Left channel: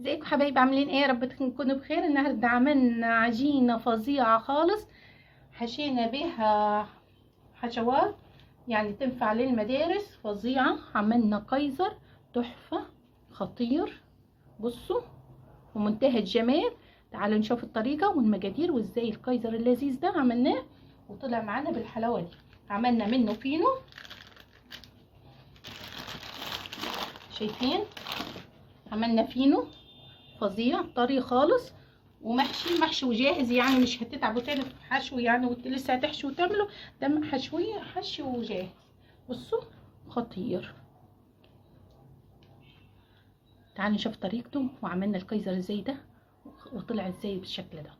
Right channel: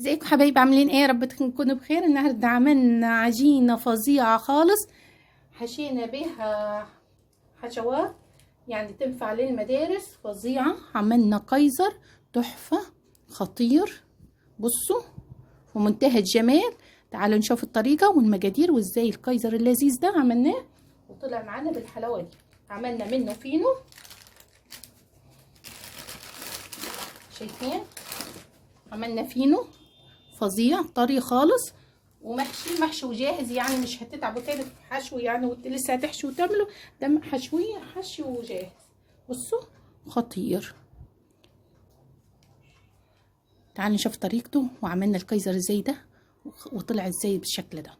ازيكم حبايبي؟ عاملين ايه؟ يا رب تكونوا بخير. النهارده عملنا عجينه فظيعه خالص، حشينا بيها حشوات يعني تنفع للمدارس، فظيعه. عملنا كايزر تحفه، خطير. بصوا، ومنتهى الجمال. تعالوا نشوف الطريقه والمقادير وازاي الكايزر اللذيذ ده عملناه وطلع معانا بالحلاوه دي. عملنا منه فينو، شايفين؟ عملنا فينو فظيع طري خالص، ومحشي وجاهز، يعني مش هتتعبوا تاني في حشو يعني، وانت لسه هتحشي وتعملوا. ده حشي وجاهز. بصوا، خطير. تعالوا نشوف طريقته وعملنا الكايزر ازاي ده وطلع ازاي بالشكل ده.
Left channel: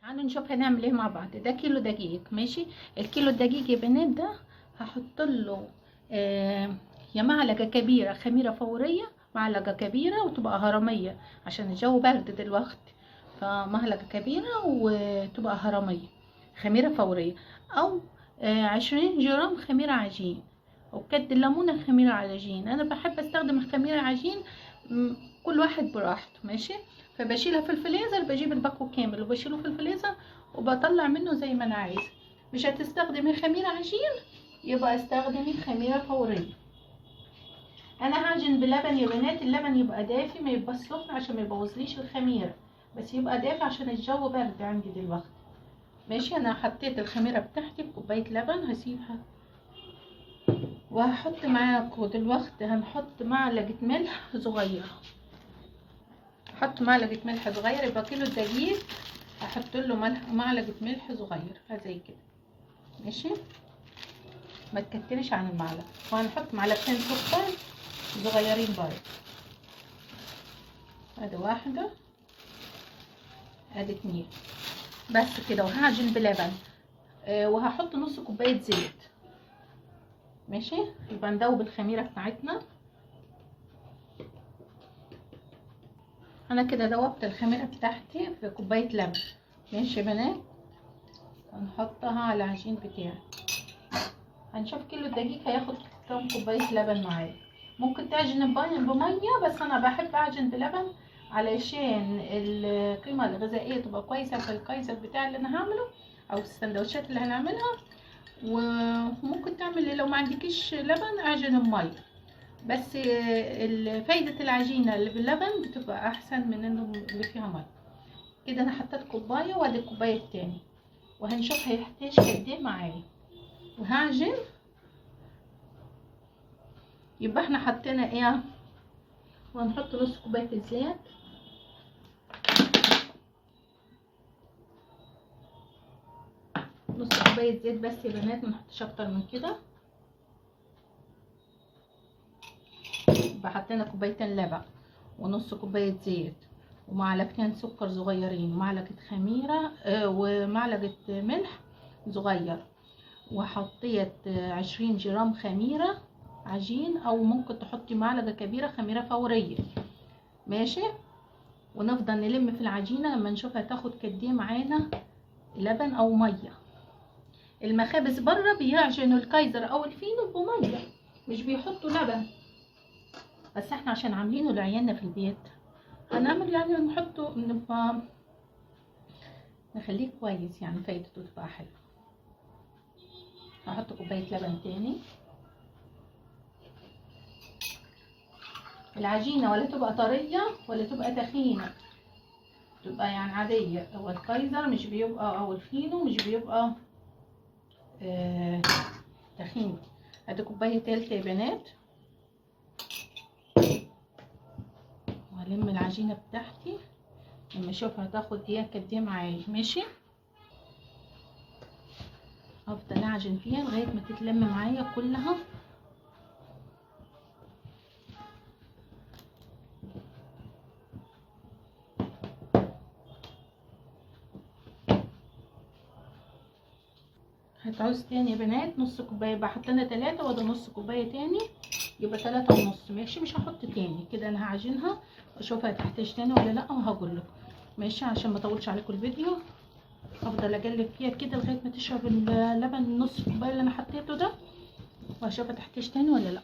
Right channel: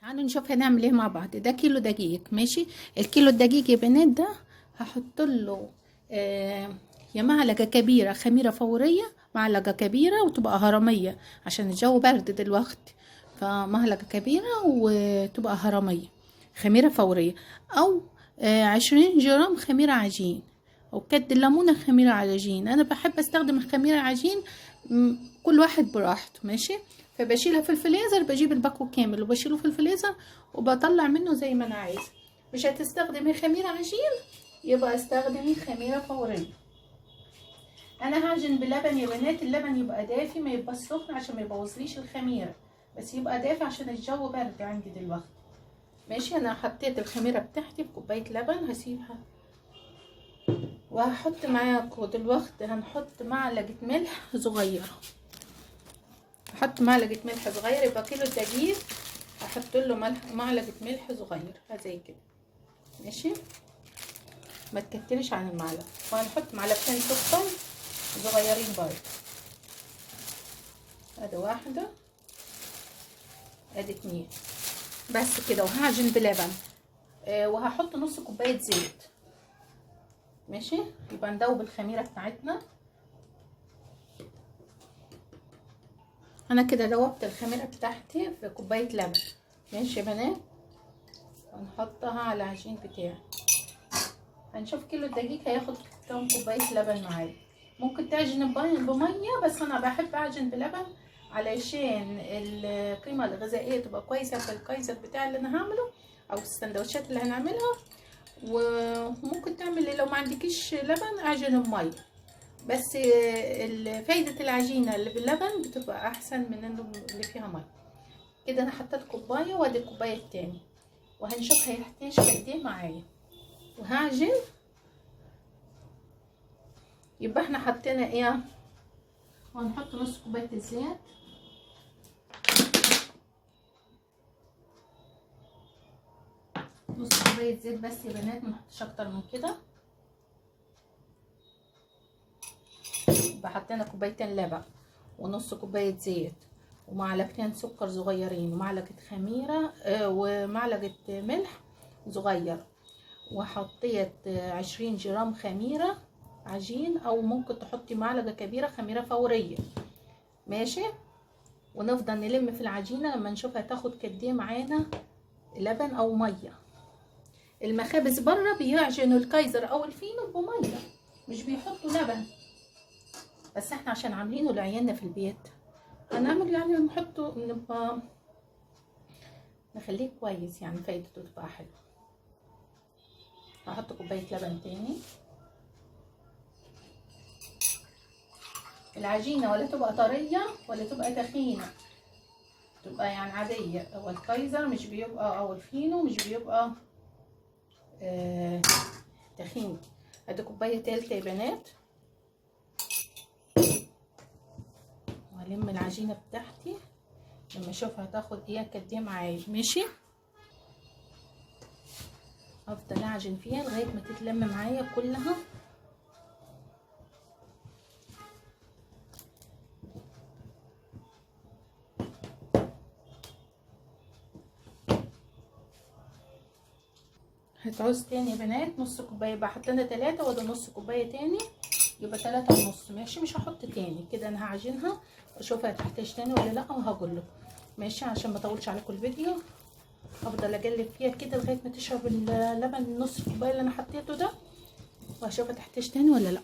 تعالوا نشوف هنعمل ايه مع بعض. ده كيلو دقيق، ماشي. الكيلو الدقيق يا بنات ده هحط له يا معلقه كبيره خميره فوريه، معلقه كبيره وتبقى هرميه عشان الجو برد دلوقتي، فمعلقه كبيره وتبقى هرميه خميره فوريه، او 20 جرام خميره عجين، وكد الليمونه خميره عجين. انا بحب استخدم الخميره عجين، كل واحد براحته، ماشي. فبشيلها في الفريزر، بجيب الباكو كامل وبشيله في الفريزر وبطلع منه زي ما انا عايزه. مش هتستخدمي خميره عجين، يبقى استخدمي خميره فوريه. انا هعجن بلبن يا بنات، اللبن يبقى دافي ما يبقى سخن عشان ما يبوظليش الخميره، بس يبقى دافي عشان الجو برد عندي دلوقتي. ماشي. انا حطيت الخميره بتاعتي بكوبايه لبن، هسيبها. وهحط معاكم دلوقتي، هنحط معلقه ملح صغيره. احط معلقه ملح صغير، يبقى كيلو دقيق احط له معلقه ملح صغير زي كده، ماشي. ما تكترش عن المعلقه. وهنحط معلقتين سكر صغيرين برضه. ادي واحده، ادي اتنين، بس كده. وهعجن بلبن. وهحط نص كوبايه زيت، ماشي. يبقى ندوب الخميره بتاعتنا. انا كده دوبت الخميره بتاعتي في كوبايه لبن، ماشي يا بنات. هنحطها على العجين بتاعي. هنشوف كيلو الدقيق هياخد كام كوبايه لبن معايا. ممكن تعجن بميه، بس انا بحب اعجن بلبن علشان القيمه الغذائيه تبقى كويسه في الكايزر بتاعي اللي انا هعمله، او السندوتشات اللي هنعملها. وممكن تعملي لو ما عندكيش لبن اعجن بميه، بس فايده العجينه اللي باللبن بتبقى احسن من اللي فيها ميه. كده انا حطيت كوبايه وادي الكوبايه التاني، وهنشوف هيحتاج قد ايه معايا. وهعجن. يبقى احنا حطينا ايه؟ وهنحط نص كوبايه الزيت، نص كوبايه زيت بس يا بنات، ما نحطش اكتر من كده. يبقى حطينا كوبايتين لبن ونص كوبايه زيت ومعلقتين سكر صغيرين ومعلقه خميره ومعلقه ملح صغير. وحطيت 20 جرام خميره عجين، او ممكن تحطي معلقه كبيره خميره فوريه، ماشي. ونفضل نلم في العجينه لما نشوفها تاخد قد ايه معانا لبن او ميه. المخابز بره بيعجنوا الكايزر او الفينو بميه، مش بيحطوا لبن، بس احنا عشان عاملينه لعيالنا في البيت هنعمل يعني نحطه، نبقى نخليه كويس يعني، فايدته تبقى حلوه. هحط كوبايه لبن تاني. العجينه ولا تبقى طريه ولا تبقى تخينه، تبقى يعني عاديه. هو الكايزر مش بيبقى، او الفينو مش بيبقى تخين. ادي كوبايه تالته يا بنات. وهلم العجينه بتاعتي لما اشوفها تاخد ايه قد ايه معايا، ماشي. افضل اعجن فيها لغايه ما تتلم معايا كلها. هتعوز تاني يا بنات نص كوبايه، يبقى حطينا 3 وده نص كوبايه تاني، يبقى 3 ونص، ماشي. مش هحط تاني كده، انا هعجنها واشوفها هتحتاج تاني ولا لا، وهقول لكم، ماشي. عشان ما اطولش عليكم الفيديو، افضل اقلب فيها كده لغايه ما تشرب اللبن نص كوبايه اللي انا حطيته ده، وهشوفها تحتاج تاني ولا لا.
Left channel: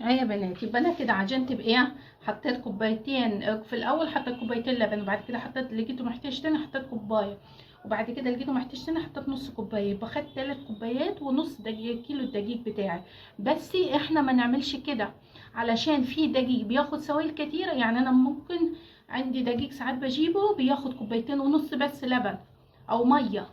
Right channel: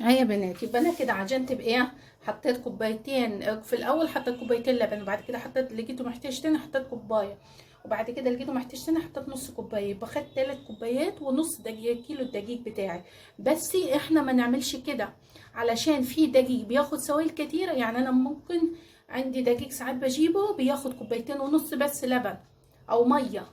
اهي يا بنات. يبقى انا كده عجنت بايه؟ حطيت كوبايتين في الاول، حطيت كوبايتين لبن، وبعد كده حطيت، لقيته محتاج تاني حطيت كوبايه، وبعد كده لقيته محتاج تاني حطيت نص كوبايه، يبقى خدت 3 كوبايات ونص دقيق كيلو الدقيق بتاعي. بس احنا ما نعملش كده، علشان في دقيق بياخد سوائل كتيره. يعني انا ممكن عندي دقيق ساعات بجيبه بياخد كوبايتين ونص بس لبن او ميه،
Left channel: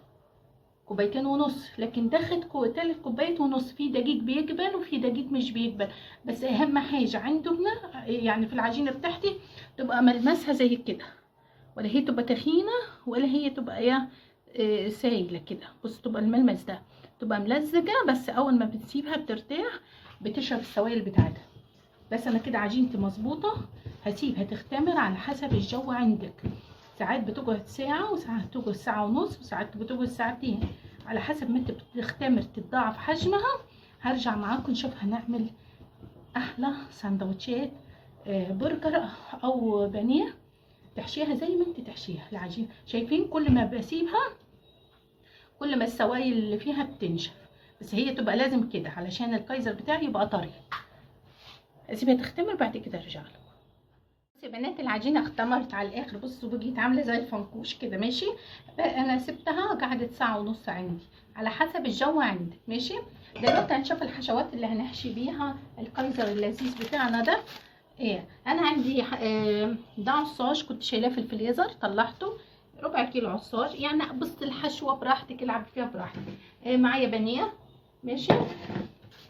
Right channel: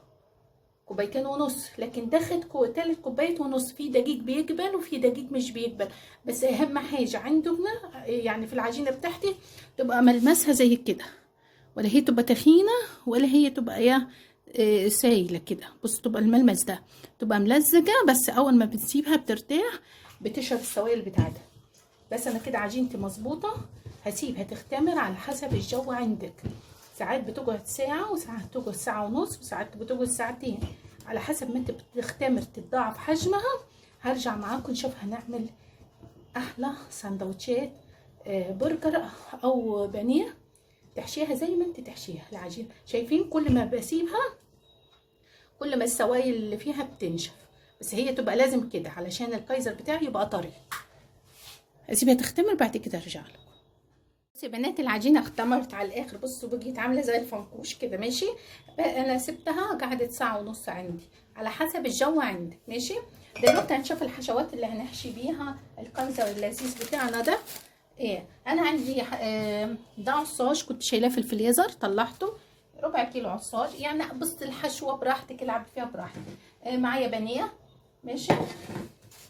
كوبايتين ونص. لكن ده خد 3 كوبايات ونص. في دقيق بيقبل وفي دقيق مش بيقبل. بس اهم حاجه عندنا يعني في العجينه بتاعتي تبقى ملمسها زي كده، ولا هي تبقى تخينه ولا هي تبقى سايله كده. بص تبقى الملمس ده، تبقى ملزجه، بس اول ما بتسيبها بترتاح بتشرب السوائل بتاعتها. بس انا كده عجينتي مظبوطه. هسيبها تختمر على حسب الجو عندك. ساعات بتقعد ساعه، وساعات بتقعد ساعه ونص، وساعات بتقعد ساعتين، على حسب ما انت بتختمر تتضاعف حجمها. هرجع معاكم نشوف هنعمل احلى سندوتشات برجر او بانيه. تحشيها زي ما انت تحشيها العجين. شايفين كل ما بسيبها كل ما السوائل اللي فيها بتنشف. بس هي تبقى لازم كده علشان الكايزر بتاعي يبقى طري. اسيبها تختمر بعد كده ارجع لكم. بصوا يا بنات، العجينه اختمرت على الاخر. بصوا بقيت عامله زي الفنكوش كده. ماشي، انا سبتها قعدت ساعه ونص عندي على حسب الجو عندك. ماشي، دلوقتي هنشوف الحشوات اللي هنحشي بيها الكايزر اللذيذ بتاعنا ده. ايه، انا عندي ده عصاج كنت شايلاه في الفريزر، طلعته ربع كيلو عصاج. يعني بص الحشوه براحتك، العب فيها براحتك. معايا بانيه. ماشي،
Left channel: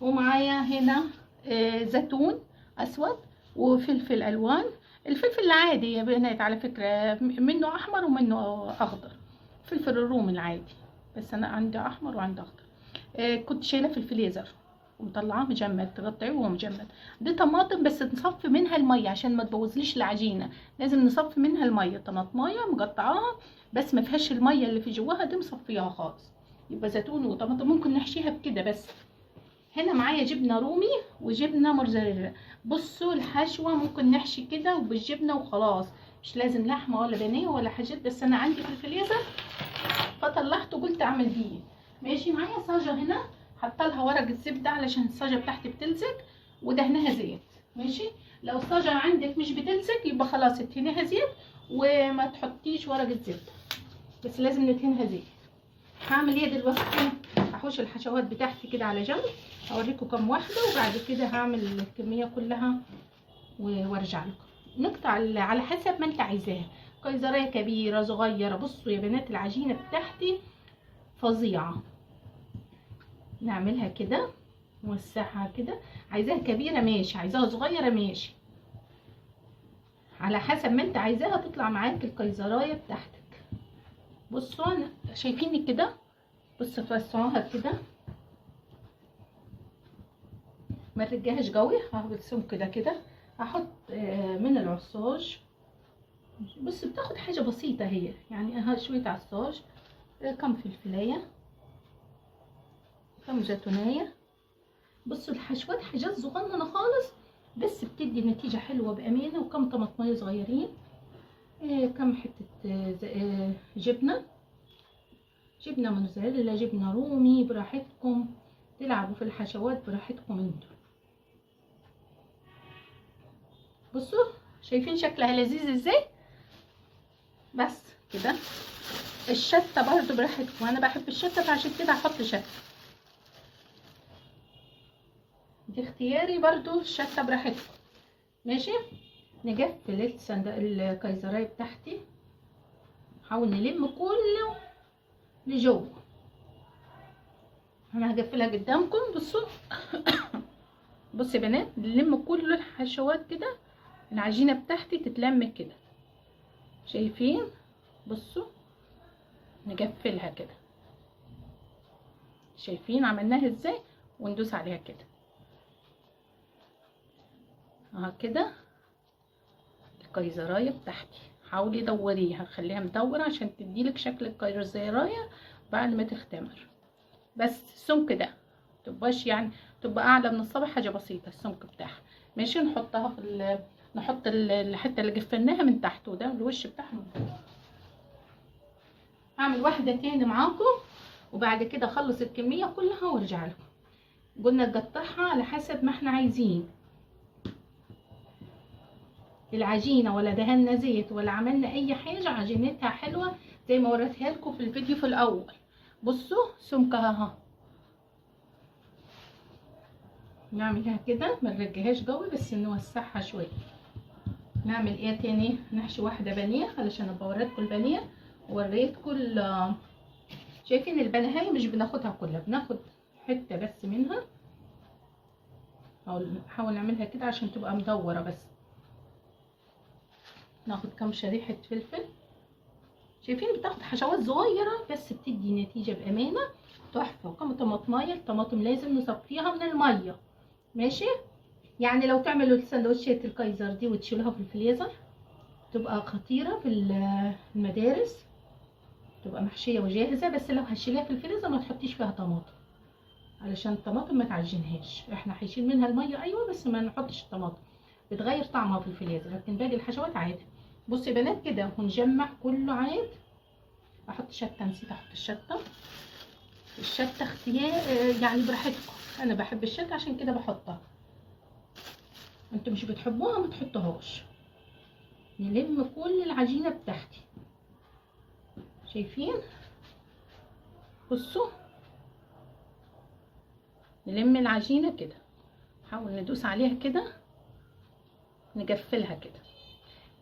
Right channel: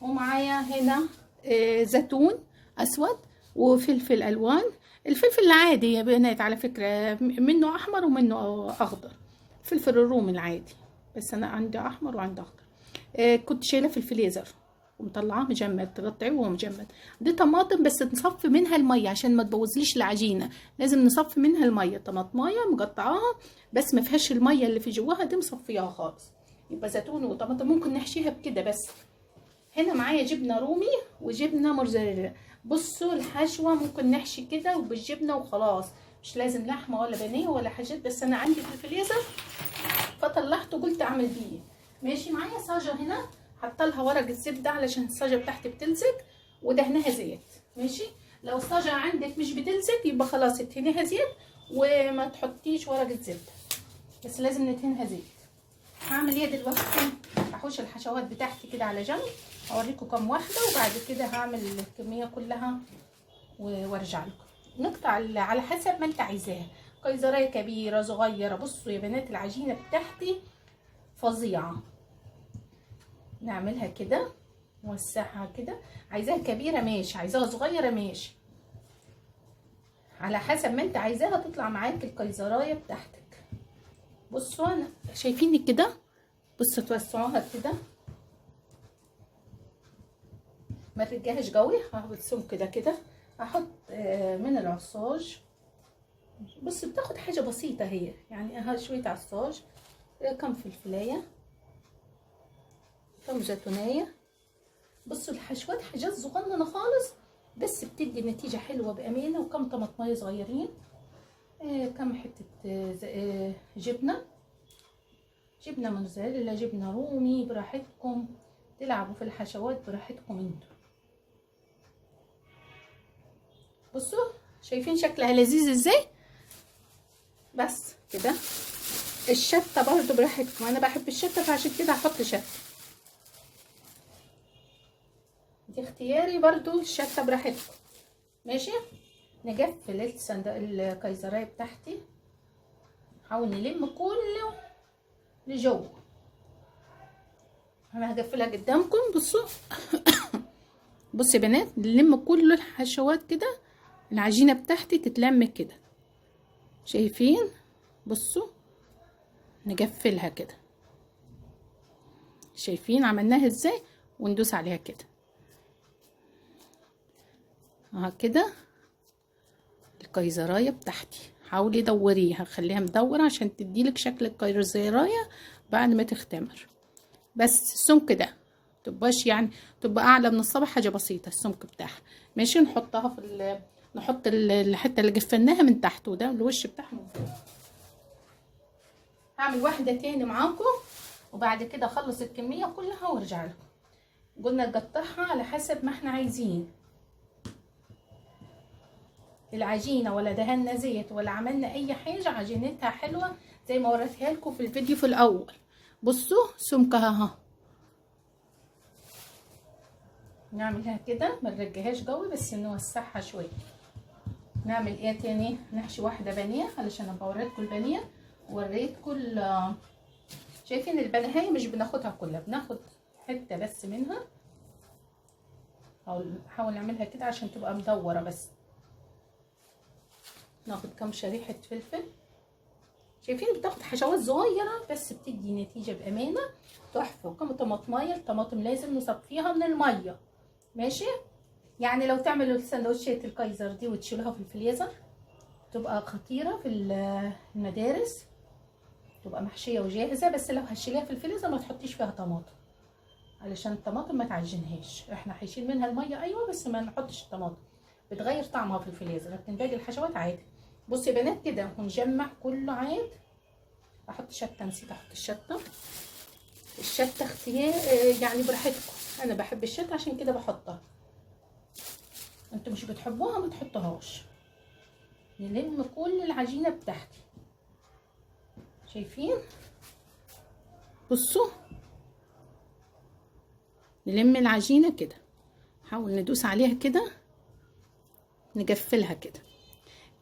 ومعايا هنا زيتون اسود وفلفل الوان. الفلفل العادي يا بنات على فكره، منه احمر ومنه اخضر. فلفل الرومي العادي، بس انا عندي احمر وعندي اخضر. كنت شايله في الفريزر ومطلعاه مجمد، تقطعيه وهو مجمد. دي طماطم بس نصفي منها الميه عشان ما تبوظليش العجينه. لازم نصفي منها الميه. طماطمايه مقطعاها بس ما فيهاش الميه اللي في جواها دي، مصفياها خالص. يبقى زيتون وطماطم ممكن نحشيها بكده بس. هنا معايا جبنه رومي وجبنه موتزاريلا. بصوا الحشوه ممكن نحشي كده وبالجبنه وخلاص، مش لازم لحمه ولا بانيه ولا حاجات. بس انا عندي في الفريزر فطلعته قلت اعمل بيه. ماشي، معايا صاجه هنا حاطه لها ورق الزبده علشان الصاجه بتاعتي بتلزق، ودهنها زيت. ماشي، لو الصاجه عندك مش بتلزق يبقى خلاص ادهنيها زيت وما تحطيش ورق الزبده، بس لازم ندهنها زيت. هعمل ايه دلوقتي؟ هحوش الحشوات بتاعتي كده على جنب، اوريكم كم واحده، وبعد كده هعمل الكميه كلها وارجع لكم. نقطع على حسب ما انت عايزاها، قيصريه كبيره صغيره. بصوا يا بنات العجينه بتاعتي فظيعه. نعملها كده، نوسعها كده. عايزاها كبيره ماشي، عايزاها صغيره ماشي، على حسب ما انت عايزاها تطلع معاك القيصرايه بتاعتك. بصوا انا شايفيني كده، بصوا توسعوها كده، ما ترجعش قوي. هبصهم كده كده. هحط من العصاج. بص بتاخد حاجه بسيطه هي، يعني ها شويه عصاج، كم فلفلايه، كم زيتونيه. بصوا الحشوات حاجات صغننه خالص بس بتدي نتيجه حلوه بامانه. وكم طماطميه صغيرين، كم حته جبنه موتزاريلا، جبنه رومي، براحتكم تلعبوا في الحشوات براحتكم انتوا. بصوا شايفين شكلها لذيذ ازاي؟ بس كده. الشطه برضو براحتكم، انا بحب الشطه فعشان كده هحط شطه، دي اختياري. برضو الشطه براحتكم. ماشي، نقفل الكيزرايه بتاعتي. نحاول نلم كله لجوه. انا هقفلها قدامكم. بصوا بصوا يا بنات، نلم كل الحشوات كده، العجينه بتاعتي تتلم كده. شايفين؟ بصوا نقفلها كده. شايفين عملناها ازاي؟ وندوس عليها كده كده. الكيزرايه بتاعتي حاولي دوريها، خليها مدوره عشان تديلك شكل الكيزرايه بعد ما تختمر. بس السمك ده متبقاش يعني، تبقى اعلى من الصبع، حاجه بسيطه السمك بتاعها. ماشي، نحطها في نحط الحته اللي جفناها من تحت، وده الوش بتاعها من فوق. هعمل واحده تاني معاكم وبعد كده اخلص الكميه كلها وارجع لكم. قلنا نقطعها على حسب ما احنا عايزين. العجينه ولا دهنا زيت ولا عملنا اي حاجه، عجينتها حلوه زي ما وريتها لكم في الفيديو في الاول. بصوا سمكها اهو. نعملها كده، ما نرجعهاش قوي بس نوسعها شويه. نعمل ايه تاني؟ نحشي واحده بانيه علشان ابقى اوريكم البانيه. وريتكم شايفين البانيه مش بناخدها كلها، بناخد حته بس منها. نحاول نعملها كده عشان تبقى مدوره بس. ناخد كام شريحه فلفل. شايفين بتاخد حشوات صغيره بس بتدي نتيجه بامانه تحفه. كم طماطمايه، الطماطم لازم نصفيها من الميه، ماشي؟ يعني لو تعملوا السندوتشات الكايزر دي وتشيلوها في الفريزر تبقى خطيره في المدارس، تبقى محشيه وجاهزه. بس لو هتشيليها في الفريزر ما تحطيش فيها طماطم علشان الطماطم ما تعجنهاش. احنا هيشيل منها الميه ايوه، بس ما نحطش الطماطم، بتغير طعمها في الفريزر، لكن باقي الحشوات عادي. بصوا يا بنات كده ونجمع كله عاد. احط شطه، نسيت احط الشطه. الشطه اختيار يعني براحتكم، انا بحب الشطه عشان كده بحطها. انتوا مش بتحبوها ما تحطوهاش. نلم كل العجينه بتاعتي. شايفين؟ بصوا نلم العجينه كده، نحاول ندوس عليها كده، نقفلها كده.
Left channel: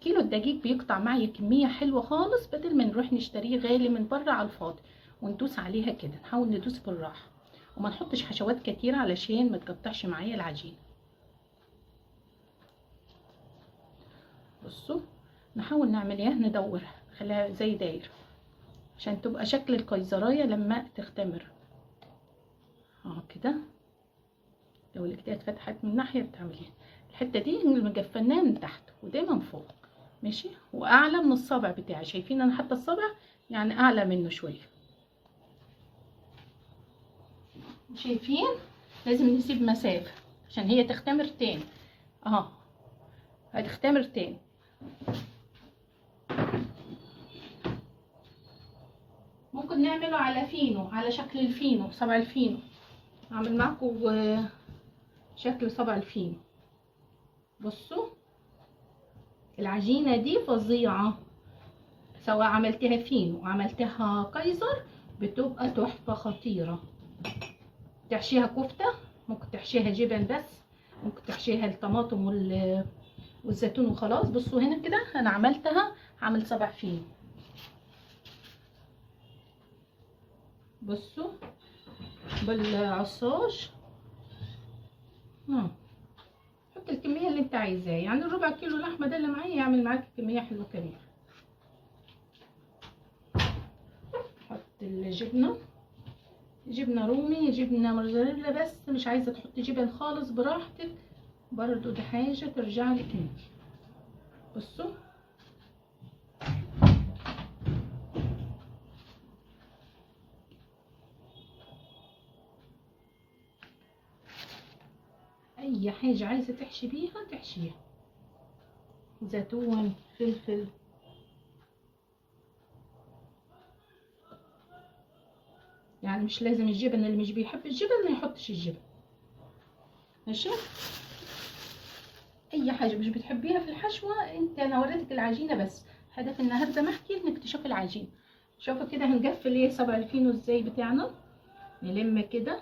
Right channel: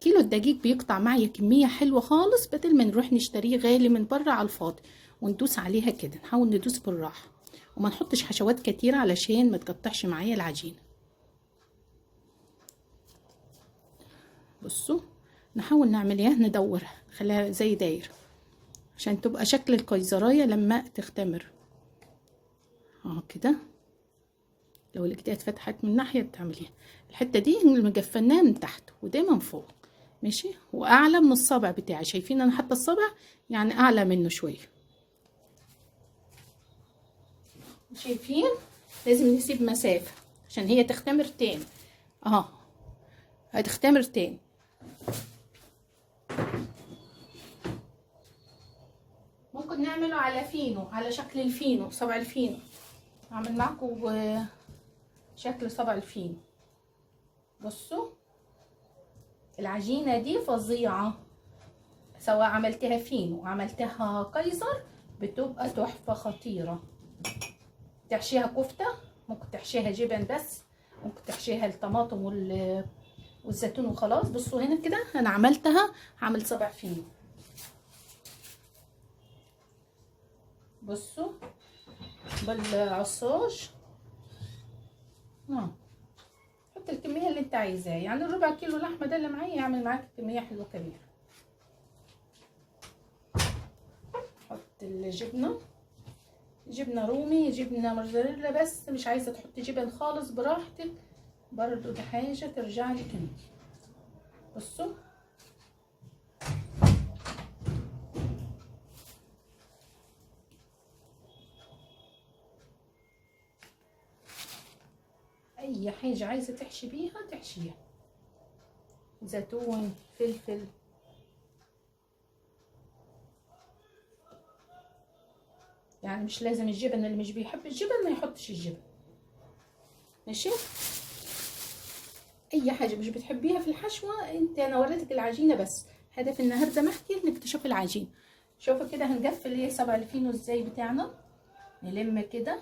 كيلو الدقيق بيقطع معايا كميه حلوه خالص، بدل ما نروح نشتريه غالي من بره على الفاضي. وندوس عليها كده، نحاول ندوس بالراحه وما نحطش حشوات كتير علشان ما تقطعش معايا العجينه. بصوا نحاول نعمل ايه، ندورها نخليها زي دايره عشان تبقى شكل الكايزرايه لما تختمر اهو كده. لو الايديا اتفتحت من ناحيه بتعمليها الحته دي مجفناها من تحت ودايما من فوق، ماشي؟ واعلى من الصابع بتاعي. شايفين انا حتى الصابع يعني اعلى منه شويه. شايفين؟ لازم نسيب مسافه عشان هي تختمر تاني اهو، هتختمر تاني. ممكن نعمله على فينو، على شكل الفينو، صبع الفينو. اعمل معكم شكل صبع الفينو. بصوا العجينه دي فظيعه، سواء عملتها فينو عملتها كايزر بتبقى تحفه خطيره. تحشيها كفته، ممكن تحشيها جبن بس، ممكن تحشيها الطماطم والزيتون وخلاص. بصوا هنا كده انا عملتها، هعمل صبع فينو. بصوا بالعصاج حط الكميه اللي انت عايزاه، يعني الربع كيلو لحمه ده اللي معايا يعمل معاك كميه حلوه كبيره. حط الجبنه، جبنه رومي، جبنه موزاريلا، بس مش عايزه تحطي جبن خالص براحتك برضو، ده حاجه ترجع لك انت. بصوا اي حاجه عايزه تحشي بيها تحشيها، زيتون، فلفل. يعني مش لازم الجبن، اللي مش بيحب الجبن ما يحطش الجبن، ماشي؟ اي حاجه مش بتحبيها في الحشوه انت، انا وريتك العجينه بس، هدف النهارده محكي انك تشوفي العجينه. شوفوا كده هنقفل ايه صبع الفينو ازاي بتاعنا. نلم كده،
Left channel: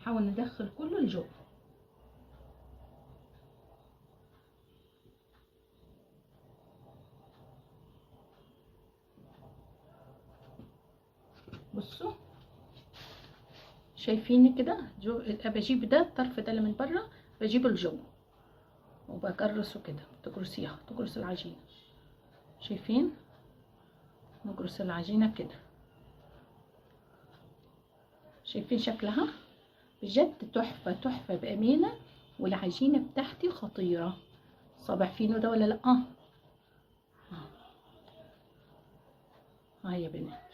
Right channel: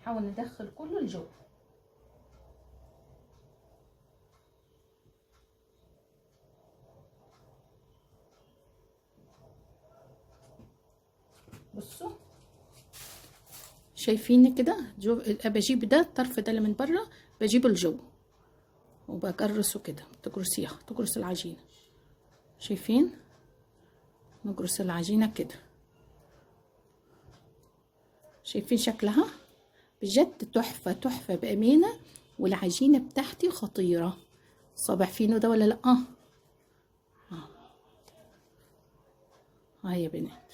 نحاول ندخل كله لجوه. بصوا شايفين كده جو، بجيب ده الطرف ده اللي من بره بجيبه لجوه وبقرصه كده. تقرصيها، تقرص العجينه. شايفين؟ نقرص العجينه كده. شايفين شكلها؟ بجد تحفه تحفه بامانه. والعجينه بتاعتي خطيره. صابع فينو ده ولا لا؟ ها يا بنات،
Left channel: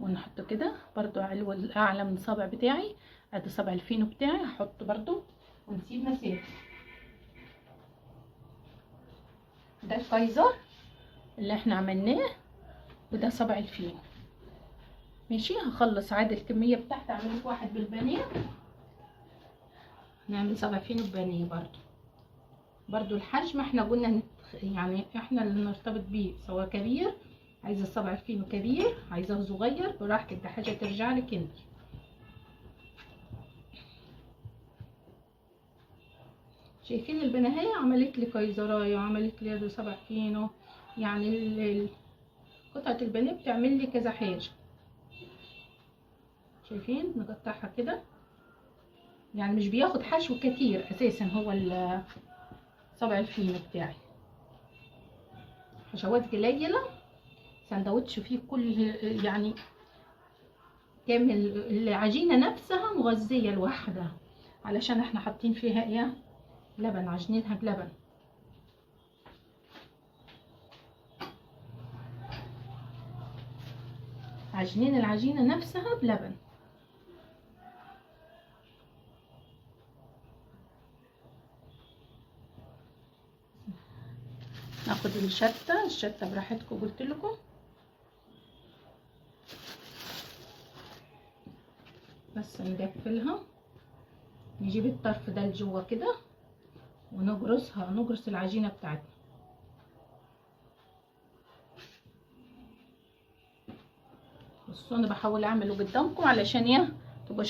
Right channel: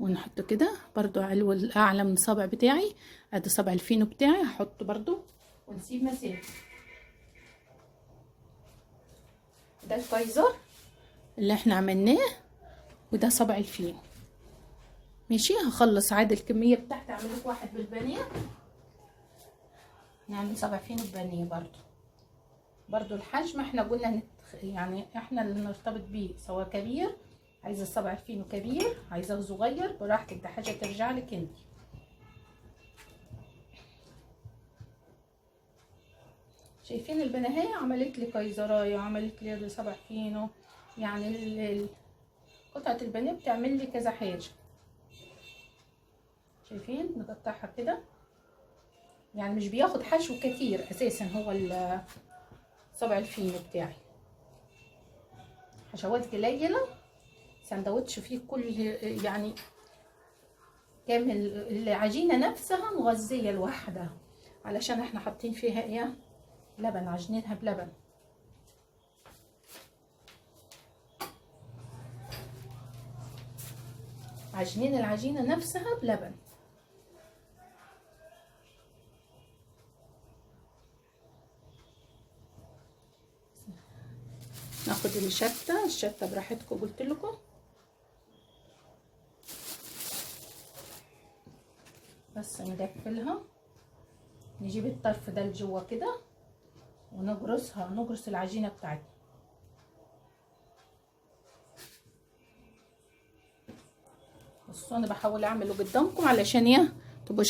ونحطه كده برضو علو الاعلى من الصابع بتاعي. ادي صابع الفينو بتاعي هحطه برضو ونسيب مسافه. ده الكايزر اللي احنا عملناه، وده صابع الفينو، ماشي؟ هخلص عاد الكميه بتاعتي، اعمل لك واحد بالبانيه. هنعمل صابع فينو بانيه برضو الحجم احنا قلنا يعني احنا اللي نرتبط بيه، سواء كبير عايزه الصابع الفينو كبير عايزاه صغير براحتك، ده حاجه ترجع لك انت. شايفين البناهية عملت لي قيزرايه وعملت لي يد صابع فينو، يعني قطعه البانيه بتعمل لي كذا حاجه. شايفين نقطعها كده، يعني مش بياخد حشو كتير اساسا هو صابع الفينو بتاعي، حشوات قليله، سندوتش فيه كل يعني كامل. العجينه نفسها مغذيه لوحدها علشان احنا حاطين فيها ايه، لبن، عجنينها بلبن. عجنين العجينه نفسها بلبن. ناخد الشتة براحتكم قلت لكم. بس نقفلها، نجيب الطرف ده لجوه كده ونجرسها، نجرس العجينه بتاعتنا. بصوا انا بحاول اعمله قدامكم علشان ايه تبقوا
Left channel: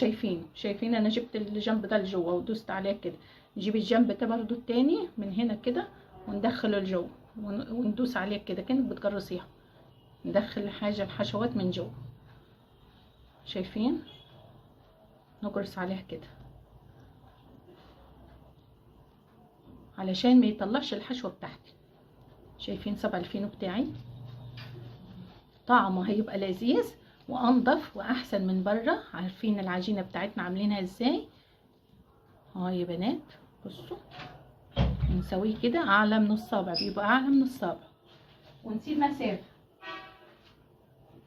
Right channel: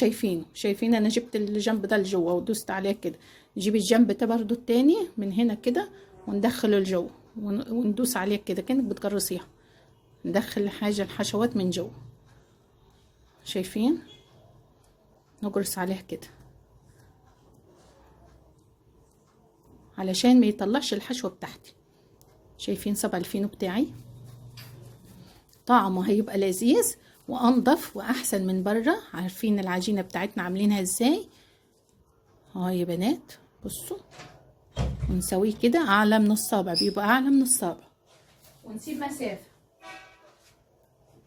شايفين انا جبت الجنب ده لجوه ودوست عليه كده. نجيب الجنب ده برضو التاني من هنا كده وندخله لجوه وندوس عليه كده كأنك بتجرسيها، ندخل الحشوات من جوه. شايفين نجرس عليها كده علشان ما يطلعش الحشوه بتاعتي. شايفين صبع الفينو بتاعي طعمه هيبقى لذيذ وانضف واحسن من بره. عارفين العجينه بتاعتنا عاملينها ازاي يا بنات. بصوا ونسويه كده اعلى من الصابع، بيبقى اعلى من الصابع، ونسيب مسافه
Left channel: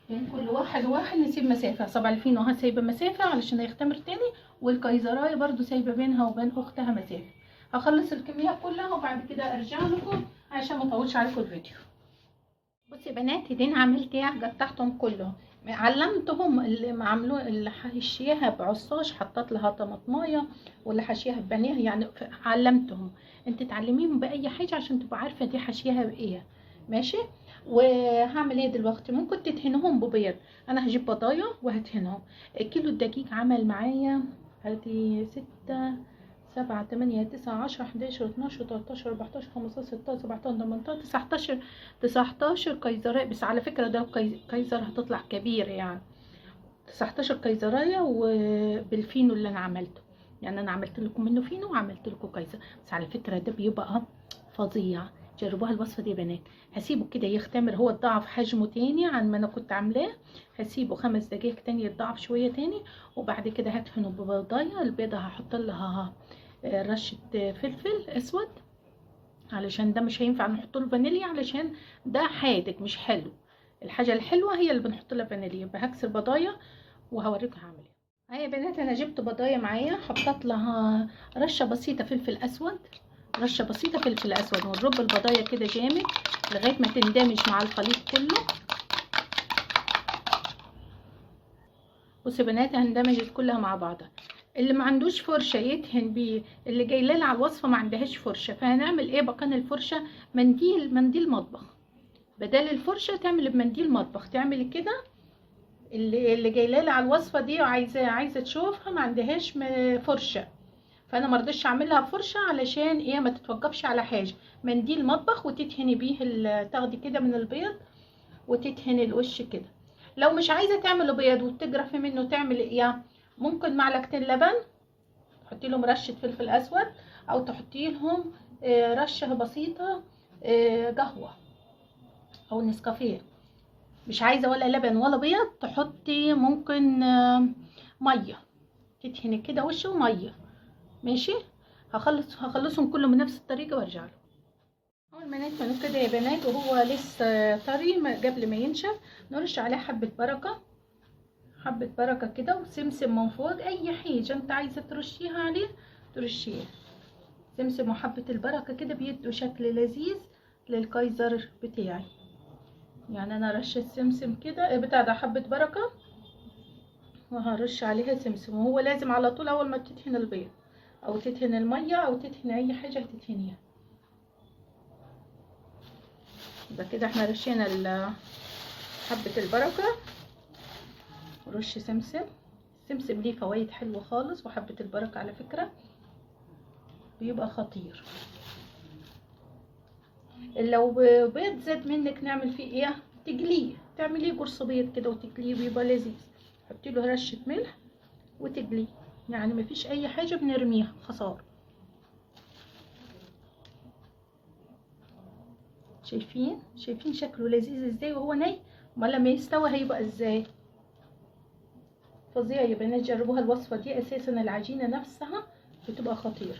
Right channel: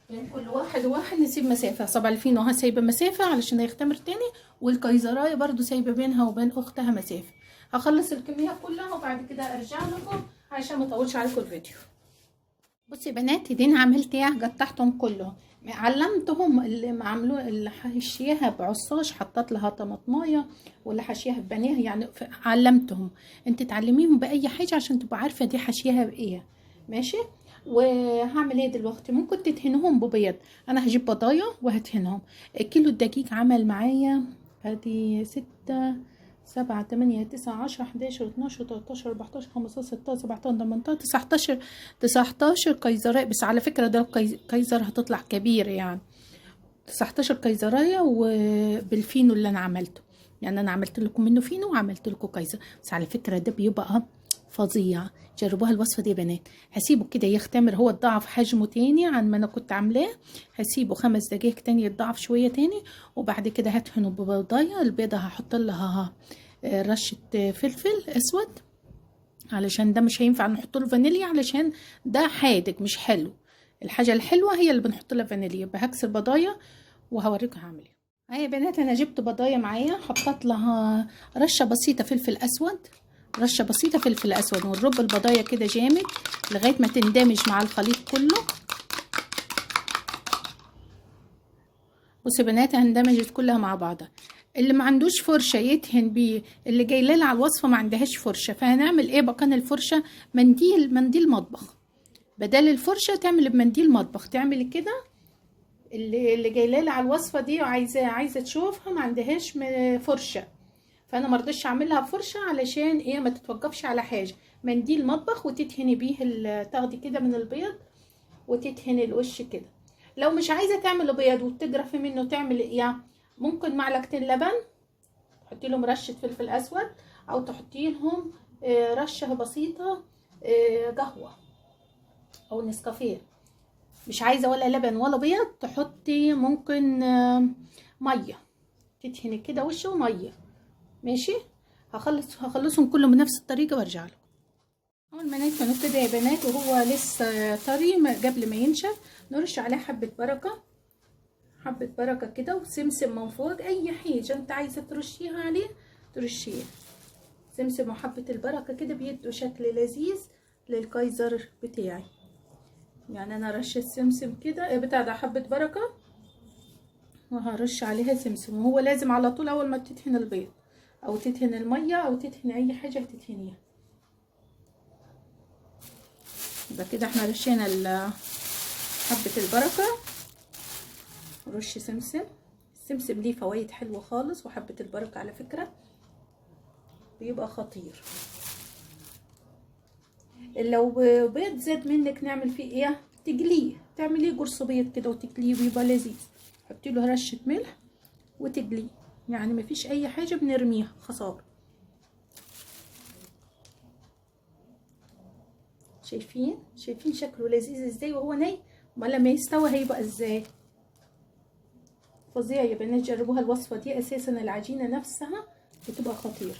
بين كل واحد نسيب مسافه. صبع الفينو سايبه مسافه علشان هيختمر تاني، والكيزرايه برضو سايبه بينها وبين اختها مسافه. هخلص الكميه كلها وبعد كده ارجع لكم عشان ما اطولش عليكم الفيديو. بصي يا بنات دين عملت ايه، قطعتهم كلهم، علمتهم اللي عملوه، اللي حشيها بعصاش حطيت لها طماطمايه، واللي حشيها ببانيه، يعني علمتهم. انت تعلميهم باي حاجه عشان تبقى عارفه دي حشيها بايه. ماشي. وهعمل ايه دلوقتي، ممكن تدهنهم ببيض. انا هجيب بضايه وهدهنهم. كيلو الدقيق عمل معايا ادي 6 7 8 9 10 11 12 13 14 15 16 17 18 19 قيزرايه. بس على فكره ده قيزر هتطلع كبير يعني. 19 قيزرايه وبالفينو اللي انا عملته، يعني انا عملت لكم منه فينو وعملت لكم قيزر. بس على فكره ده بيبقى فظيع، جربوها الوصفه دي يا بنات. هسيبه كده يختمر، هو اتضاعف حجمه تاني عن ما انا كنت عاملاه. هسيبه 5 دقايق تاني يتضاعف شويه تاني، وبعد كده هدهنه ببيضايه. البيضه هحط لها رشه فلفل اسود علشان ده مش هينفع نحط له فانيليا علشان ده حادق مش حلو. الحاجه الحلوه هي اللي بنحط لها فانيليا. بهكسر بضايه وهوريكم هعمل ايه. هاي يا بنات انا جبت بضايه معايا، حطيت لها رشه بسيطه فلفل اسود، رشه بسيطه فلفل اسود، ونرب البضايه كده جامد لغايه ما تندمج مع الخليط كله. بصوا يا بنات اندمجت كلها مع بعضها. اللي ما عندوش فرشه يدهن بيه، اللي جاي لنا على الوصفه ما عندهاش فرشه، فهنعمل ايه مكان الفرشه؟ منديل مطبخ. بدل الفرشه تعمل بمنديل مطبخ، تعمل كده. اللي جاي لنا على الوصفه دي وعايزه تشوفها ما عندهاش فرشه، فانا ما رضيتش اعملها بفرشه علشان ايه ما تتوقفش على حاجه. منديل مطبخ وتدهني بيه تاخدي كده من البيض وتدهني الوش كده. لو مش عايزه تعمل بيض وتجرفي منه تعمل ايه، ممكن معلقتين لبن تحطي لهم رشه فلفل اسود، او تحطي لهم رشه بسيطه قهوه او نسكافيه. مش عايزه ولا لبن ولا بيض تحطي ممكن ميه، تدهني كده وشه وميه. ماشي. هخلصهم كله بنفس الطريقه وارجع لكم. اول ما نكمل كده يا بنات وهو لسه طري قبل ما ينشف، نرش عليه حبه بركه كده، وسمسم من فوق. اي حاجه انت عايزه ترشيها عليه ترشيها. سمسم وحبه البركه كده بيدوا شكل لذيذ للكايزر بتاعي. يعني انا رشيت سمسم كده بتاع ده حبه بركه، وهرش عليها سمسم. وهو لازم على طول اول ما تدهن البيض او تدهن الميه او تدهن اي حاجه تدهنيها. يبقى كده احنا رشينا حبه البركه. رش سمسم. السمسم ليه فوائد حلوه خالص، وحبه البركه على فكره بيبقى خطير. لو بيض زاد منك نعمل فيه ايه؟ تقليه، تعمليه قرص بيض كده وتقليه ويبقى لذيذ. حطي له رشه ملح وتقليه، يعني مفيش اي حاجه بنرميها خساره. شايفين شكله لذيذ ازاي وهو ني؟ امال لما يستوي هيبقى ازاي؟ فظيع يا بنات، جربوها الوصفه دي، اساسا العجينه نفسها بتبقى خطيره.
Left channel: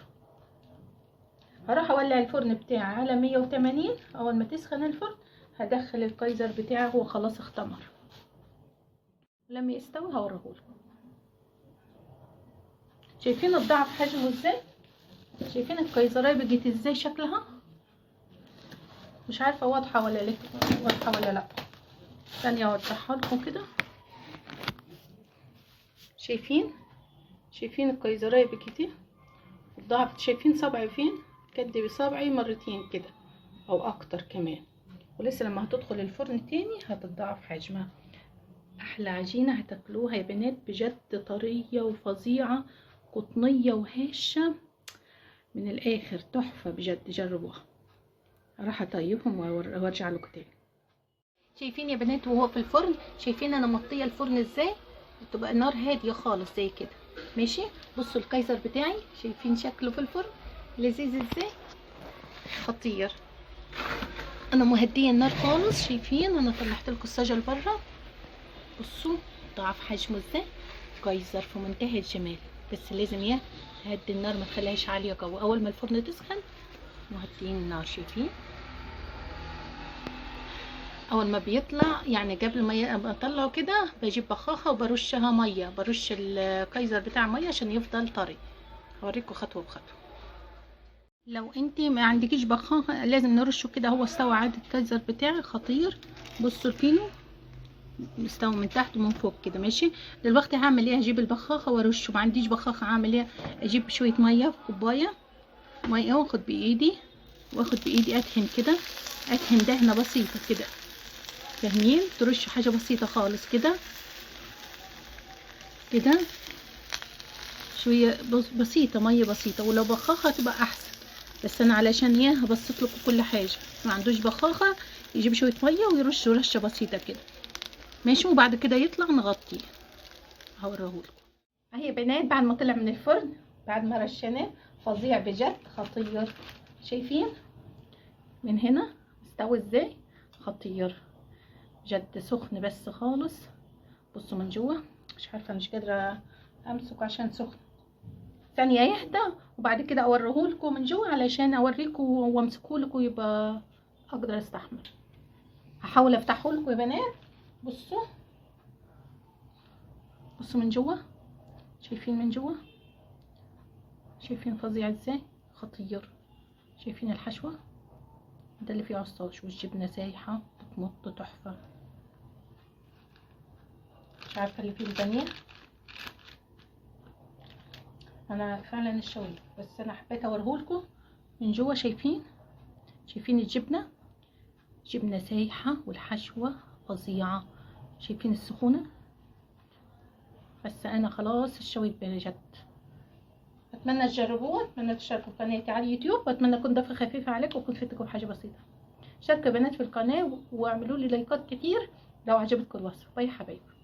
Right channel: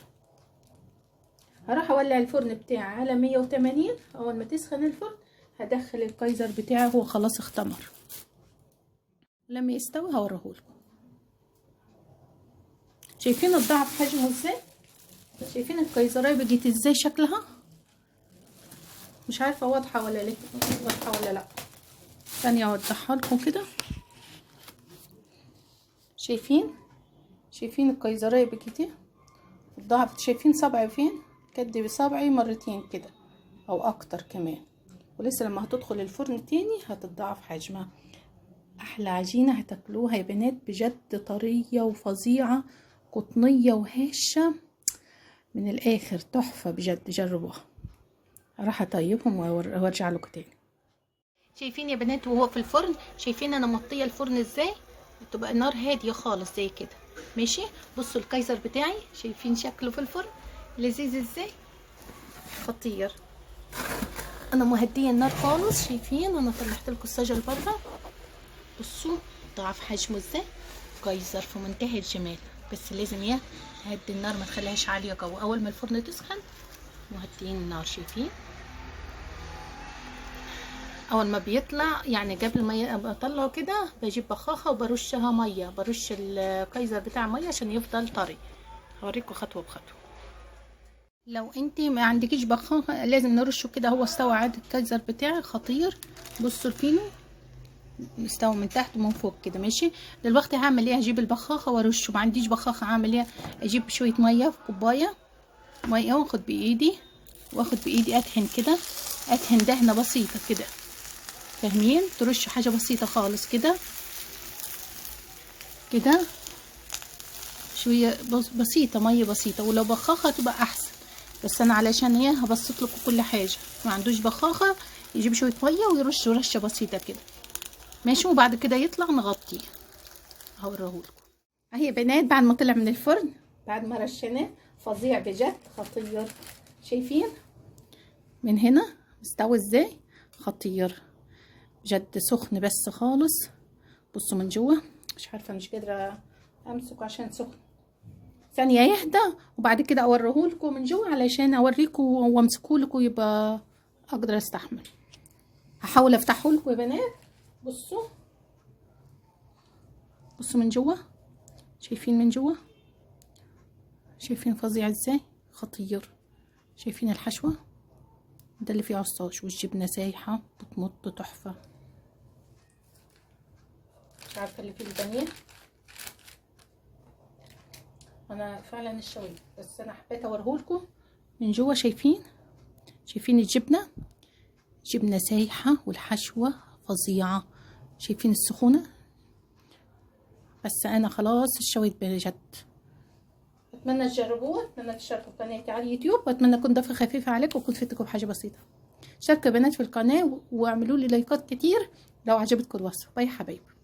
هروح اولع الفرن بتاعي على 180. اول ما تسخن الفرن هدخل الكايزر بتاعي، هو خلاص اختمر. لما يستوي هوريهولكم. شايفين الضعف حجمه ازاي؟ شايفين الكايزرايه بقت ازاي شكلها؟ مش عارفه واضحه ولا لا، واضحه ولا لا. ثانيه اوضحها لكم كده. شايفين الكايزرايه بقت ايه؟ الضعف. شايفين صبعي فين؟ كد بصبعي مرتين كده او اكتر كمان، ولسه لما هتدخل الفرن تاني هتتضاعف حجمها. احلى عجينه هتاكلوها يا بنات بجد، طريه وفظيعه، قطنيه وهشه من الاخر، تحفه بجد، جربوها. راح اطيبهم وارجع لكم تاني. شايفين يا بنات وهو في الفرن؟ شايفين انا مطيه الفرن ازاي؟ بتبقى النار هاديه خالص زي كده، ماشي. بصوا الكايزر بتاعي، شايفين شكله في الفرن لذيذ ازاي؟ خطير. انا مهديه النار خالص. شايفين انا طلعت لكم الصاجه لبره، بصوا ضعف حجمه ازاي. كايزر في منتهى الجمال، بس لازم نهدي النار، ما تخليهاش عاليه قوي. اول ما الفرن تسخن مهديين النار. شايفين اول ما بيطلع، يعني قبل ما اطلعه كده بجيب بخاخه وبرشها ميه، برش الكايزر بتاع ميه عشان يفضل طري. هوريكم خطوه بخطوه. لو انتي ما عندكيش بخاخه لازم نرشه كده. هو استوى عادي الكايزر بتاعي خطير. بصوا الفينو مستوي من تحت ومن فوق كده، ماشي. دلوقتي هعمل ايه؟ هجيب البخاخه وارشه. ما عنديش بخاخه هعمل ايه؟ اجيب شويه ميه في كوبايه ميه، واخد بايدي ادهن كده، ادهن دهنه بسيطه كده، فاهمين؟ ترش حاجه بسيطه خالص كده كده، شويه بسيطه، ميه بسيطه. ولو بخاخه تبقى احسن، بس انا علشان ايه هبسط لكم كل حاجه. ما عندوش بخاخه يجيب شويه ميه ويرش رشه بسيطه كده، ماشي. وبعد كده يطلع نغطيه، هوريهولكم اهي يا بنات بعد ما طلع من الفرن، بعد ما رشيناه. فظيع بجد، خطير. شايفين من هنا مستوي ازاي؟ خطير بجد، سخن بس خالص. بصوا من جوه، مش عارفه، مش قادره امسك عشان سخن. ثانيه يهدى وبعد كده اوريهولكم من جوه علشان اوريكم وامسكهولكم يبقى اقدر استحمل. هحاول افتحهولكم يا بنات. بصوا من جوه. شايفين من جوه؟ شايفين فظيع ازاي؟ خطير. شايفين الحشوه؟ ده اللي فيه عصاج، والجبنه سايحه بتمط، تحفه. مش عارفه اللي فيه البانيه، انا فعلا الشوي، بس انا حبيت اوريهولكم من جوه. شايفين الجبنه سايحه والحشوه فظيعه. شايفين السخونه؟ بس انا خلاص الشويت بجد. اتمنى تجربوه، اتمنى تشتركوا في قناتي على اليوتيوب، واتمنى اكون ضيفه خفيفه عليكم وكنت فدتكم بحاجه بسيطه. شاركوا يا بنات في القناه واعملوا لي لايكات كتير لو عجبتكم الوصفه. باي حبايبي.